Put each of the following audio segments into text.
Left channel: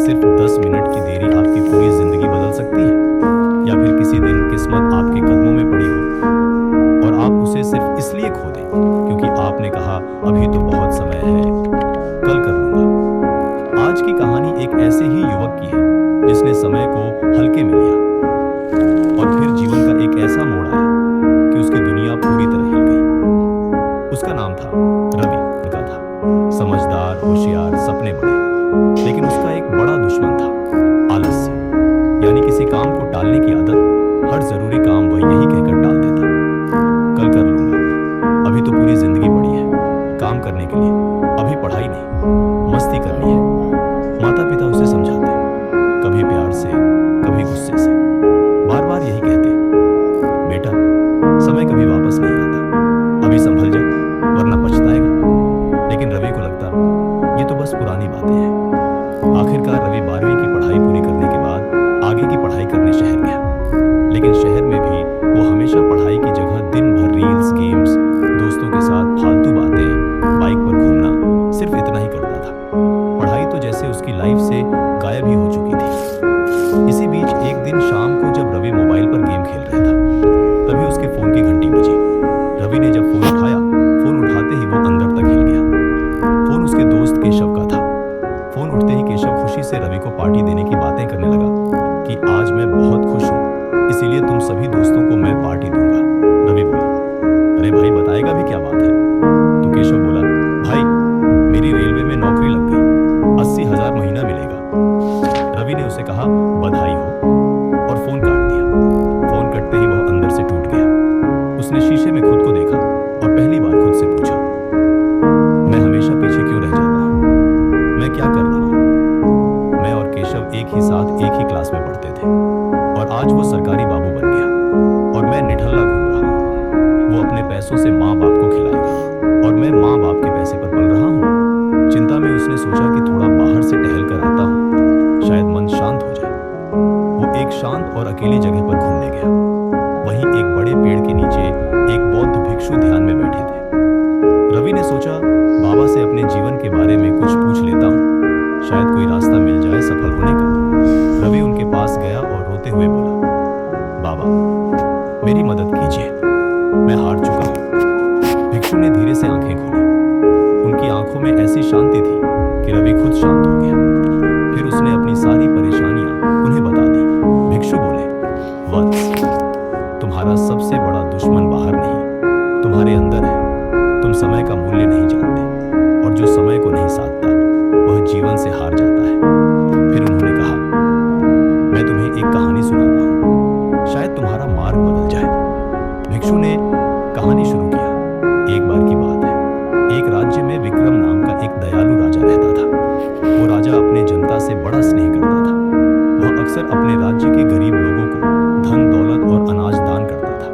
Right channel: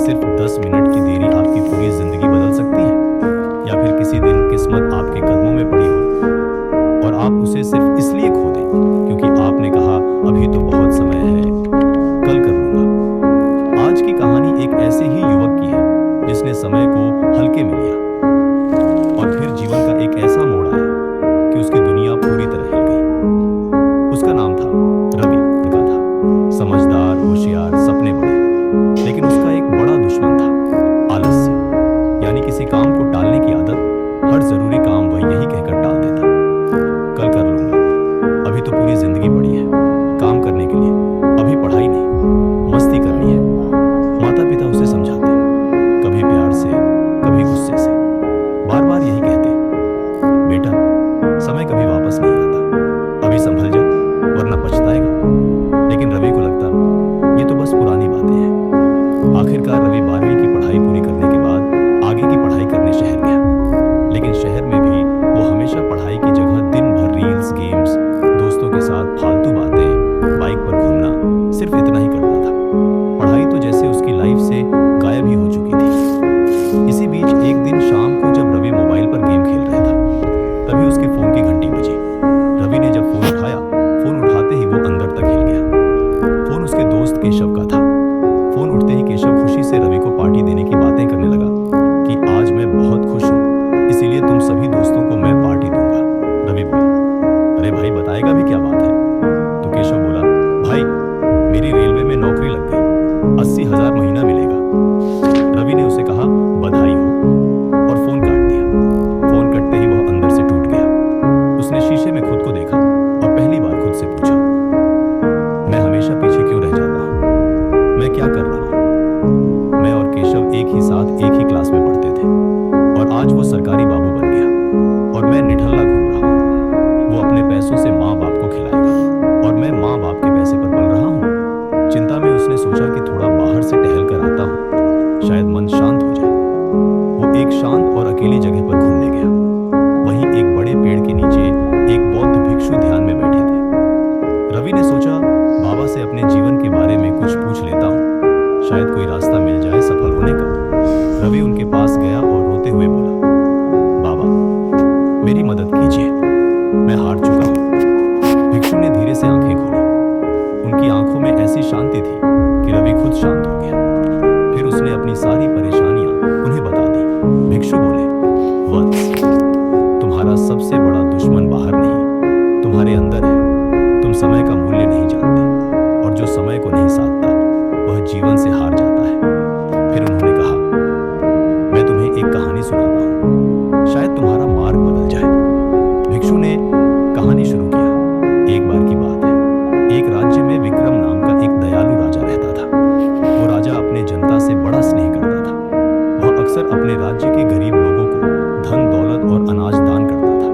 सिर्फ 10 मिनट की देरी आपकी पूरी जिंदगी बदल सकती है? या फिर किसी दिन किस्मत आपके कदमों में पड़ी हो और आप उसे सिर्फ इसलिए खो दें क्योंकि आपने कहा अभी तो बहुत समय है, कल कर लूंगा। आज की कहानी एक ऐसे ही युवक की है जिसने समय को हल्के में लिया और फिर जीवन का एक ऐसा मोड़ आया कि उसकी दुनिया पूरी तरह हिल गई। उसका नाम था रवि। लड़का था, समझदार, होशियार, सपने बड़े, लेकिन उसका एक बड़ा दुश्मन था, आलस्य। यानी किसी काम को टालने की आदत। हर जरूरी काम वह यही कहकर टाल देता, कल कर लूंगा। अभी तो पूरी जिंदगी पड़ी है काम करने के लिए, अभी पढ़ाई नहीं, मस्ती करनी है। माता पिता उसे समझाते, कभी प्यार से कभी गुस्से से, बार बार यही कहते, बेटा समय कभी वापस नहीं आता, अभी संभल जा वरना पछताएगा। लेकिन रवि को लगता ये तो बस पुरानी बातें हैं। आखिरकार रवि 12वीं की पढ़ाई पूरी करने के बाद आगे की पढ़ाई करने शहर गया। लेकिन शहर में भी वो हमेशा पढ़ाई की जगह दिन भर रील्स, गेम्स, दोस्तों के साथ फालतू बातें, बाइक पर घूमना, सिर्फ इतना ही करता था। पढ़ाई तो जैसे उसकी लाइफ से गायब ही हो चुकी थी। इसी बीच एक दिन शाम को जब रवि मोबाइल पर गेम खेल रहा था, तभी उसके फोन की घंटी बजी। रवि ने जब फोन उठाया, फोन उठाते ही वो अंदर तक हिल गया। फोन उसके दोस्त केशव का था। फोन उठते ही केशव खुशी से रवि को पार्टी देने की बातें करने लगा कि आज मैं बहुत खुश हूँ, इसीलिए तुम सभी दोस्तों को मैं पार्टी दूंगा। रवि बोला, अरे भाई बताएगा भी क्या बात है? तो केशव बोला, भाई मेरी रेलवे में नौकरी लग गई, 80,000 महीना मिलेगा। रवि ने उसे कहा बधाई हो और फोन काट दिया। फोन कटते ही वह अंदर से टूट गया। उसने शीशे में खुद को देखा और पहली बार खुद से पूछा, मैं हमेशा पीछे क्यों रह जाता हूँ? मैं क्या कर रहा हूँ? मैं और केशव एक ही साथ एक ही क्लास में पढ़ते थे और आज वो सरकारी बाबू बन गया और मैं निठल्ला घूम रहा हूँ। वो अपने पैसों से माँ बाप को खिलाएगा और मैं माँ बाप के पैसे पर पल रहा हूँ। चिंता में उसने सोचा कि थोड़ा बाहर से टहल कर आता हूँ, शायद मन शांत हो जाए। वो एक शांत और अकेली जगह पर घूमने गया। वहीं एक बड़े पेड़ के नीचे एक बौद्ध भिक्षु ध्यान में बैठे थे। रवि ने सोचा बाबा से अपने जीवन के बारे में कुछ पूछ लेता हूँ, शायद कोई रास्ता मिल जाए सफल होने का। रवि उनके पास गया और रोते हुए बोला, बाबा मेरी मदद कीजिए, मैं हार चुका हूँ। भिक्षु ने धीरे से आंखें खोली। उनकी आंखों में ऐसी शांति थी कि रवि खुद शांत हो गया। फिर उसने अपनी सारी परेशानियां उन्हें बता दी। भिक्षु बोले, वत्स तुम्हारा सबसे बड़ा दुश्मन बाहर नहीं, तुम्हारे अंदर है। तुम समय का मूल्य नहीं जानते और जो समय को नहीं साधता वह जीवन से हार जाता है। फिर उन्होंने कहा, मैं तुम्हें एक कहानी सुनाता हूँ, शायद तुम्हारा मार्ग बदल जाए। भिक्षु ने कहानी शुरू किया। एक बार की बात है, एक राज्य में विक्रम नाम का एक दयालु राजा रहता था। वो राजा अपने जनता से बड़ा स्नेह करता था। वह अक्सर अपने राज्य के गरीब लोगों को धन, दौलत और अनाज दान करता था।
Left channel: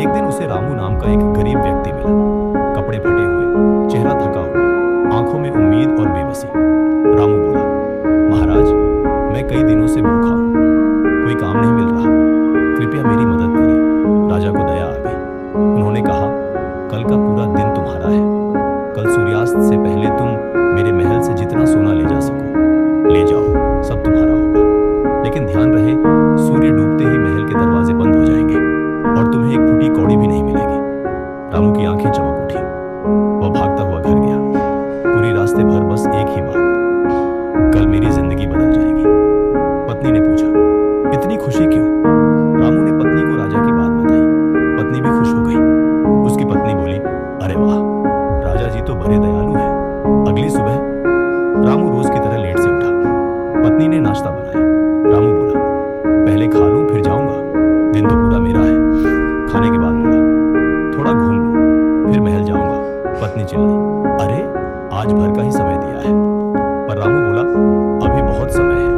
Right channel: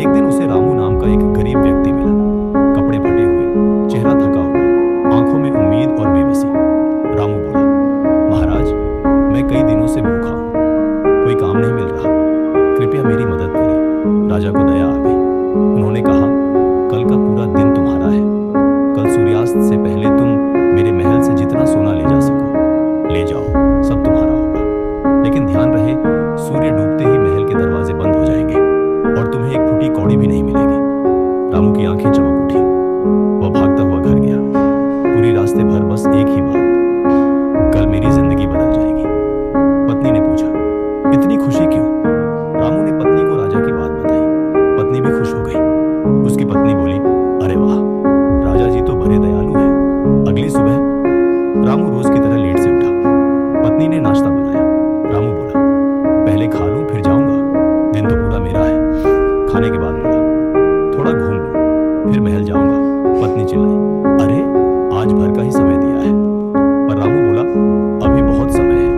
एक दिन उसे रामू नाम का एक गरीब व्यक्ति मिला, कपड़े फटे हुए, चेहरा थका हुआ, आंखों में उम्मीद और बेबसी। रामू बोला, महाराज मैं कई दिनों से भूखा हूँ, कोई काम नहीं मिल रहा, कृपया मेरी मदद करें। राजा को दया आ गई। उन्होंने कहा, कल का पूरा दिन तुम्हारा है। कल सूर्यास्त से पहले तुम मेरे महल से जितना सोना ले जा सको ले जाओ, सब तुम्हारा होगा। लेकिन ध्यान रहे, सूर्य डूबते ही महल के दरवाजे बंद हो जाएंगे और तुम्हें एक फूटी कौड़ी भी नहीं मिलेगी। रामू की आंखें चमक उठी। वह भागता हुआ घर गया। पूरी रास्ते भर बस एक ही बात, कल मेरी जिंदगी बदल जाएगी। पत्नी ने पूछा, इतनी खुशी क्यों? रामू ने पत्नी को राजा की बात बताई। पत्नी भी खुश हो गई। उसकी पत्नी बोली, अरे वाह, राजा जी तो बड़े दयालु हैं। अगली सुबह रामू रोज की तरह लेट से उठा। पत्नी ने नाश्ता बनाया। रामू बोला, पहले खा लूं फिर जाऊंगा, दिन तो पूरा मेरा है। खाने के बाद बोला, थोड़ा घूम लूं फिर महल जाऊंगा। पत्नी चिल्लाई, अरे आज भर का ही समय दिया है। पर रामू बोला, अभी बहुत समय है।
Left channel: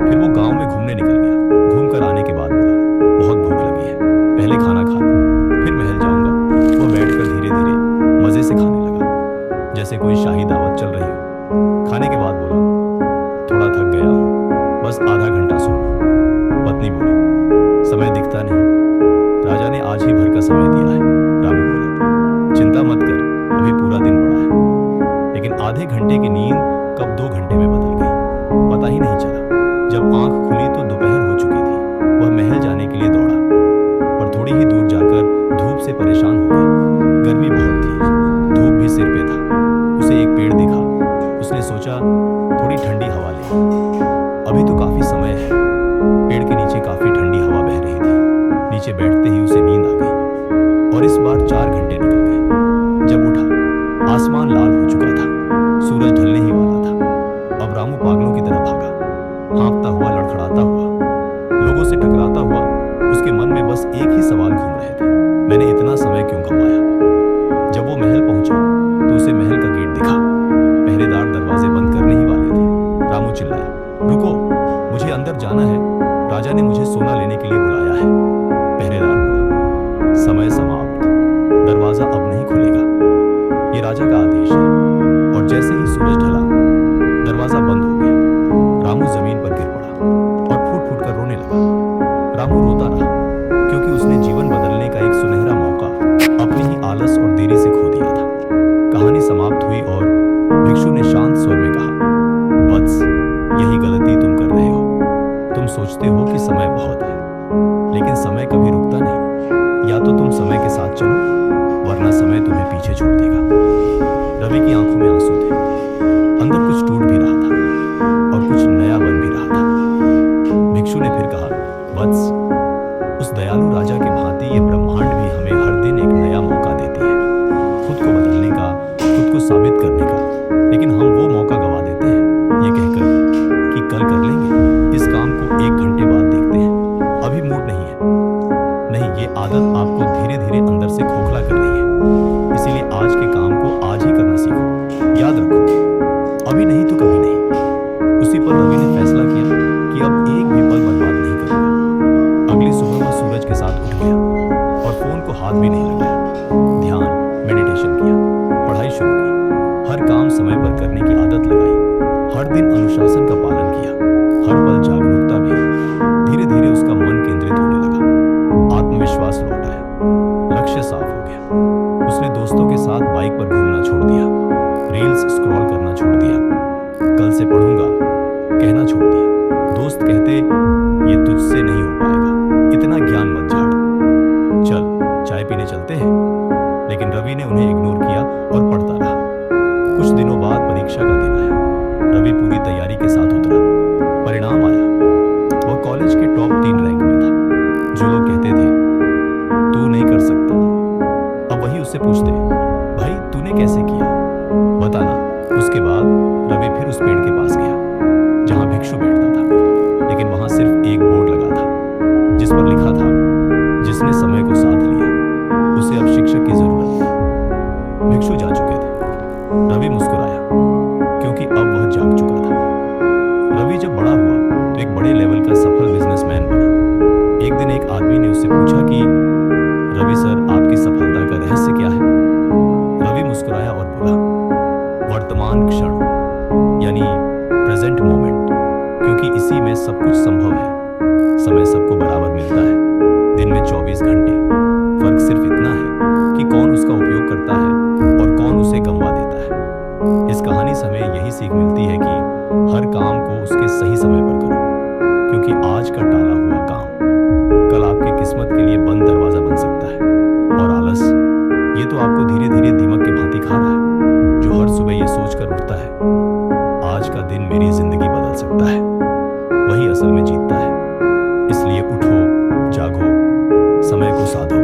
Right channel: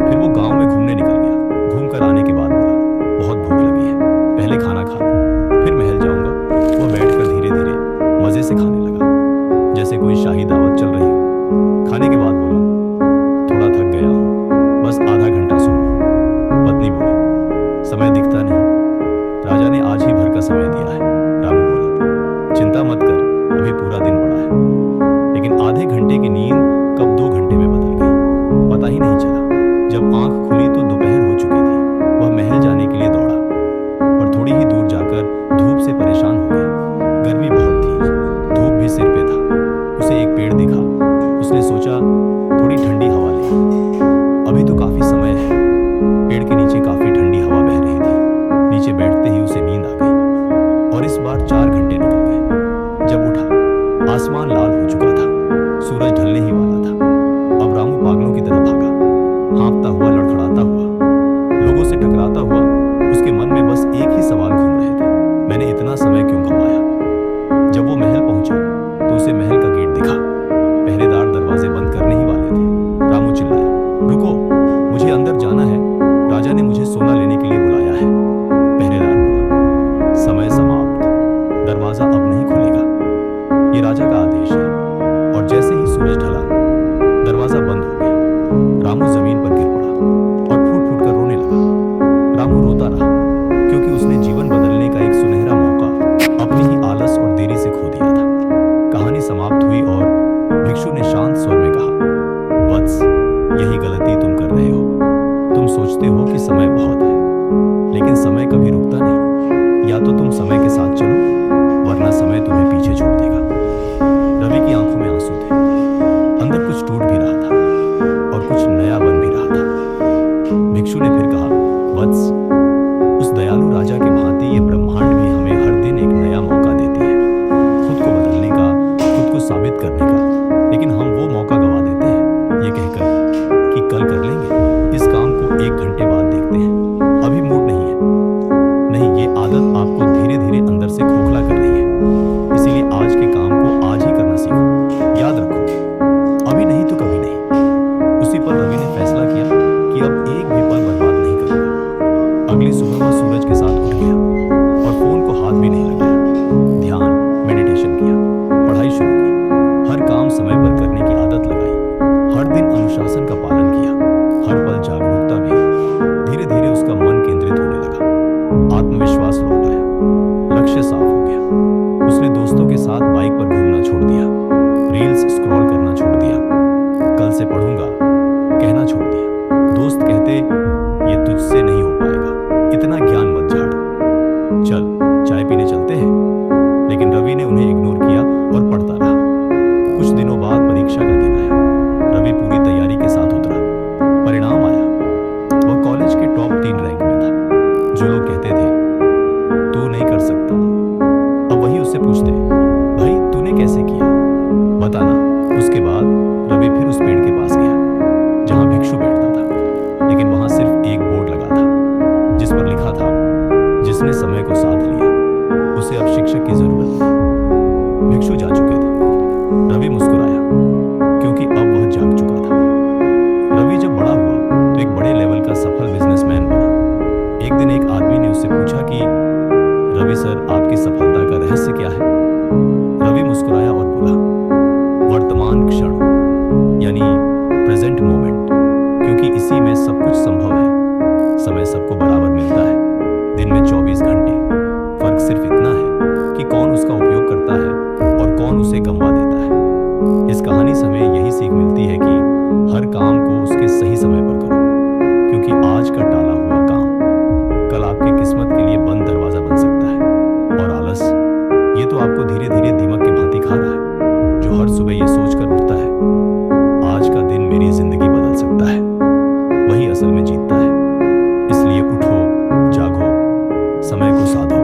फिर वो गांव में घूमने निकल गया। घूम कर आने के बाद बोला, बहुत भूख लगी है, पहले खाना खा लूं फिर महल जाऊंगा। वो बैठकर धीरे धीरे मजे से खाने लगा, जैसे कोई शाही दावत चल रही हो। खाने के बाद बोला, थोड़ा थक गया हूं, बस आधा घंटा सो लूं। पत्नी बोली, समय दिखता नहीं, राजा ने आज ही भर का समय दिया है। रामू बोला, चिंता मत कर, अभी पूरा दिन पड़ा है। लेकिन आधे घंटे की नींद कब 2 घंटे में बदल गई, पता ही नहीं चला। जब आंख खुली तो दोपहर हो चुकी थी। वह महल जाने के लिए दौड़ा, पर थोड़ी ही दूर जाकर धूप से परेशान हो गया। गर्मी बहुत थी, धूप भी सिर पे था। उसे एक पेड़ दिखा। उसने सोचा थोड़ी ठंडी हवा ले। अभी तो काफी समय है। पेड़ के नीचे काफी ठंडी हवा बह रही थी। नीचे बैठते ही उसे नींद आ गई और इस बार 4 घंटे निकल गए। जब उठा, आसमान लाल हो चुका था, सूरज ढलने ही वाला था। अब रामू पागलों की तरह भागा, हाँफता हुआ, लड़खड़ाता हुआ, लोगों से टकराता हुआ। उसके मन में बस एक ही सवाल घूम रहे थे, मैंने इतना समय क्यों गंवाया। जब वो महल पहुंचा तो उसे महल का गेट दिखा। पहरेदार दरवाजे बंद करने ही वाले थे। रामू चिल्लाया, रुको, मुझे अंदर जाना है। राजा ने मुझे सोना लेने के लिए बुलाया है। पहरेदार बोला, समय समाप्त, दरवाजा अब नहीं खुलेगा। ये राजा का आदेश है। और जैसे ही सूरज ढला, दरवाजा बंद हो गया। रामू जमीन पर गिर पड़ा और फूट फूट कर रोने लगा। रामू रोता रहा क्योंकि उसने जीवन बदलने का एक सुनहरा मौका अपनी ही आलस और देरी से खो दिया था। कहानी समाप्त हुई और भिक्षु ने शांत स्वर में कहा, वत्स, यही गलती तुम कर रहे हो। तुम सोचते हो कि समय बहुत है, लेकिन समय कभी रुकता नहीं। या तो तुम समय के साथ चलो, वरना समय तुम्हें पीछे छोड़ देगा। रवि की आंखों में आंसू थे। अंदर कुछ टूट भी रहा था और कुछ नया बन भी रहा था। भिक्षु ने फिर कहा, वत्स, उस दयालु राजा के भांति ये ब्रह्मांड भी हमें हर दिन एक नया मौका देती है, खुद को बदलने का, खुद को साबित करने का। लेकिन हम वो मौका गवा देते हैं, ये कहकर कि कल कर लेंगे, इस काम को 1 घंटे बाद देखते हैं, अभी मूड नहीं है। नहीं, ये आदत आपको धीरे धीरे अंदर से खोखला कर रही है। इसीलिए आज के काम को आज ही करना सीखो। याद रखो, अभी नहीं तो कभी नहीं। उसी पर रवि ने फैसला किया कि अब एक भी पल बर्बाद नहीं करूंगा। अगली सुबह वह सूरज के साथ उठ गया और फोन को हाथ भी नहीं लगाया। ध्यान, मेडिटेशन किया, पढ़ाई शुरू की, हर काम समय पर करने की आदत लगाई, हर दिन अनुशासन का पालन किया, हर पल जागरूकता भी। धीरे धीरे उसका मन केंद्रित होने लगा, आत्मविश्वास लौट आया, लक्ष्य साफ हो गया। उसने दोस्तों के साथ बाइक पर घूमना छोड़ दिया, रील्स स्क्रॉल करना छोड़ दिया, कल से पढ़ूंगा कहना छोड़ दिया। दोस्त कहते, ये तुझसे नहीं हो पाएगा, इतना ज्ञान मत झाड़, चल चाय पीने चलते हैं। लेकिन रवि ने उन्हें इग्नोर किया और पढ़ता रहा। कुछ दिनों बाद परीक्षा का दिन आया। रवि पूरी तैयारी के साथ उतरा। परिणाम आया। वह कॉलेज के टॉप 3 रैंक में था। जो लोग कहते थे तू नहीं कर सकता, अब वही उससे पूछते, भाई तूने कैसे किया, बताना। उसके बाद रवि फिर उस पेड़ के पास गया जहां भिक्षु बैठता था। लेकिन वहां सिर्फ एक बोर्ड लगा था जिस पर लिखा था, जिसने समय को साथ लिया उसे अब शिक्षक की जरूरत नहीं। भिक्षु जा चुके थे। रवि मुस्कुराया क्योंकि अब वह जाग चुका था। रवि जब बड़ा हुआ तो एक बड़े लेवल का सफल बिजनेसमैन बना। एक दिन एक आदमी ने उससे पूछा कि रवि सर, आपकी सफलता का रहस्य क्या है? रवि मुस्कुराया और बोला, वर्तमान क्षण, यानी प्रेजेंट मोमेंट, क्योंकि इसी में सब कुछ संभव है। समय सबको बराबर मिलता है, दिन में 24 घंटे। फर्क सिर्फ इतना है कि कौन उसका उपयोग करता है और कौन उसे गंवा देता है। इस कहानी से हमें यही सीख मिलती है कि हर काम को उसके सही समय पर करो, क्योंकि आज का टाला हुआ काम कल आपकी किस्मत के लिए बंद दरवाजा बन सकता है। और आलस, ये तो आपको धीरे धीरे दीमक के भांति खा रहा है, जो हर सुबह ये सोचकर उठता है, आज का दिन मेरी जिंदगी बदल सकता है, वही असल में जीतता है। इसलिए उठो, जागो, समय को साधो,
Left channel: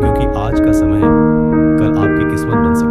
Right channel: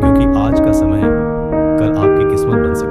क्योंकि आज का समय कल आपकी किस्मत बन सकता है।